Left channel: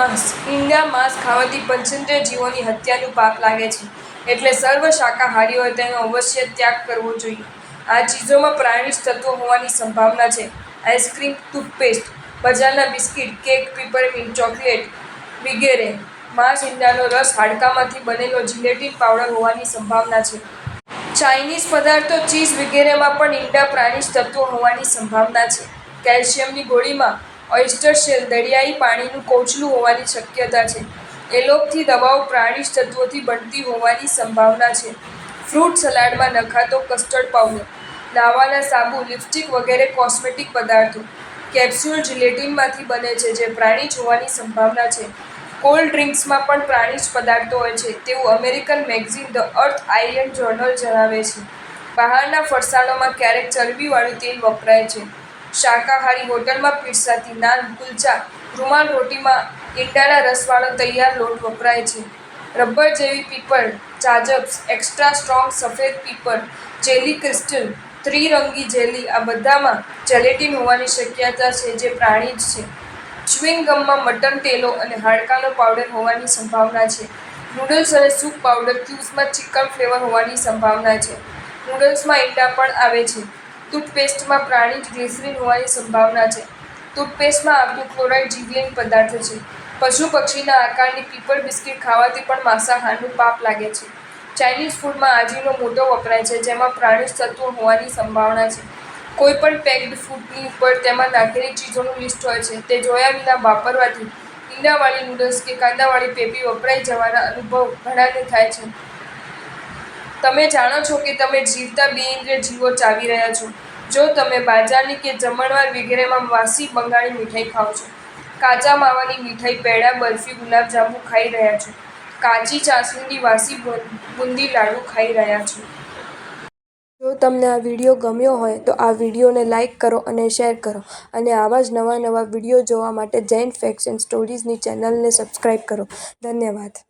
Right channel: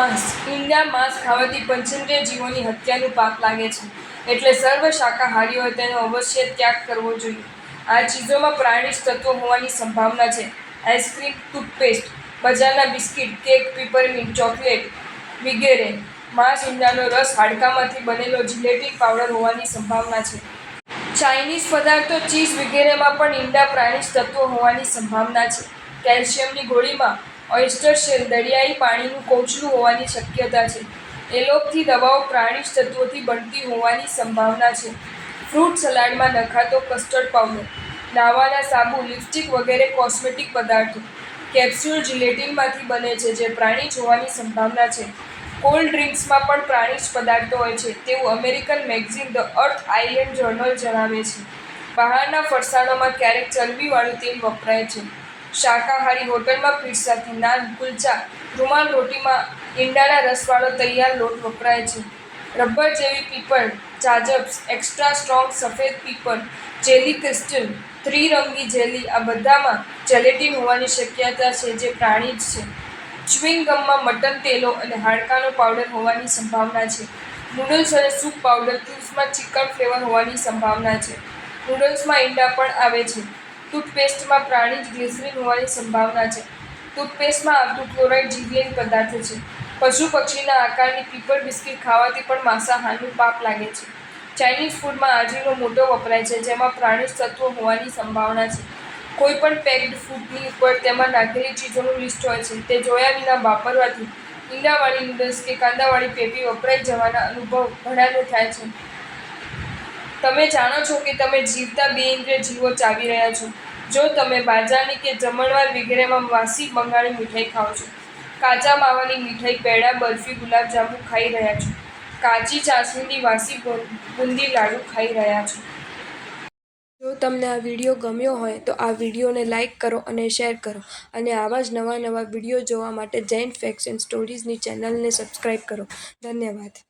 ઈંડા માંસ ખાવાથી પંચેન્દ્રિય જીવોની હત્યાનું પાપ લાગે છે, એટલે સર્વ શાકાહારીઓએ તેનો અવશ્ય ત્યાગ કરવો જોઈએ. આ ચીજોમાં પ્રાણીજ તત્વો હોવાની સંભાવના છે. આઈસ્ક્રીમ, ટૂથપેસ્ટ, બજારના બિસ્કિટ, કેક, પીપરમીન્ટ ચોકલેટ વિગેરે. માંસ, ઈંડાનો રસ, હાડકામાંથી બનેલો જિલેટીન પાવડર હોવાની સંભાવના છે. ચાઇનીઝ પદાર્થો, ચીઝ વિગેરેમાં પણ ઈંડા પ્રાણીજ તત્વો હોવાની સંભાવના છે. કેલ્શિયમની ગોળીમાં ઓયસ્ટર શેલ, દરિયાઈ પાણીનું કોચલું હોવાની શક્યતા છે. એલોપથી દવાઓ પ્રાણીજ તત્વોથી બનતી હોવાની સંભાવના છે. ફ્રૂટ સલાડમાં નખાતો કસ્ટર્ડ પાવડર, નાહવાના સાબુ, લિપસ્ટિક વગેરે કોસ્મેટિક પદાર્થો. કેપ્સ્યુલ જિલેટીનમાંથી બને છે, જે પ્રાણીજ હોવાની સંભાવના છે. કોલ્ડ ડ્રિંક્સમાં પણ પ્રાણીજ પદાર્થો હોય છે, તેવું American magazine the earth island journal જણાવે છે. બહારના ફરસાણોમાં ક્યારેક ચરબીવાળું તેલ વપરાય છે. શાકાહારી હોટલમાં પીરસાતી નાન, કુલચા, રૂમાલ રોટીમાં ઈંડાના રસવાળો તૈયાર લોટ વપરાય છે. રબર જેવી પીપર, જાજબ્સ, એક્સ્ટ્રા સ્ટ્રોંગ સફેદ પીપર, જેલી ક્રિસ્ટલ, ત્રિરંગી જેલી આ બધામાં જેલેટીન હોવાની શક્યતા છે, જે પ્રાણીજ છે. ચ્યુઇંગ ગમમાં મટન તેલો અને હાડકાનો પાવડર હોવાની સંભાવના છે. નૂડલ્સ અને સૂપ પાવડર ક્યુબ્સમાં ચિકન ફ્લેવર હોવાની સંભાવના છે. નૂડલ્સમાં ઈંડા પણ આવે છે. ટૂથપેસ્ટમાં પ્રાણીજ ગ્લિસરીન હોવાની સંભાવના છે. ટૂથપેસ્ટમાં આવતું ક્લોરાઇડ જીવલેણ પદાર્થ છે. પશુ પક્ષીના આકારની પીપર બિસ્કિટ ખાવાથી પણ માંસાહારનું પાપ લાગે છે. ચાઇનીઝ ફૂડમાં આજીનો મોટો વપરાય છે, જેમાં પ્રાણીજ તત્વો હોવાની સંભાવના છે. કોઈપણ પેક્ડ ફૂડની ઉપર તેમાં નાખેલી ચીજોનું લિસ્ટ હોય છે, તે જોયા વિના વાપરવાથી ઈંડાવાળી નૂડલ્સ કે કાંદાવાળી પેપી વપરાઈ જવાના અનુભવ ઘણાને થાય છે. તમે જાણો છો કે તમે જીવતા બેઇન્દ્રિય જીવો ચાવી રહ્યા છો, જો તમે બાજારની કે જમણવાર વિગેરેમાં વાસી બંગાળી મીઠાઈ ખાઓ છો. કાચા માવાની મીઠાઈ, પેડા, બરફી, ગુલાબજાંબુ ખાઈ રહ્યા છો. કાચી ચાસણીની વાસી બુંદી લાડુ ખાઈ રહ્યા છો. જો તમને આ વિડીયો ગમ્યો હોય તો આ વિડીયોને લાઇક કરો અને શેર કરો, અને આવા જ નવા વિડીયો જોવા માટે જૈન ફેક્ટ્સ એન્ડ સ્ટોરીઝની ચેનલને સબસ્ક્રાઇબ કરો. ધન્યવાદ.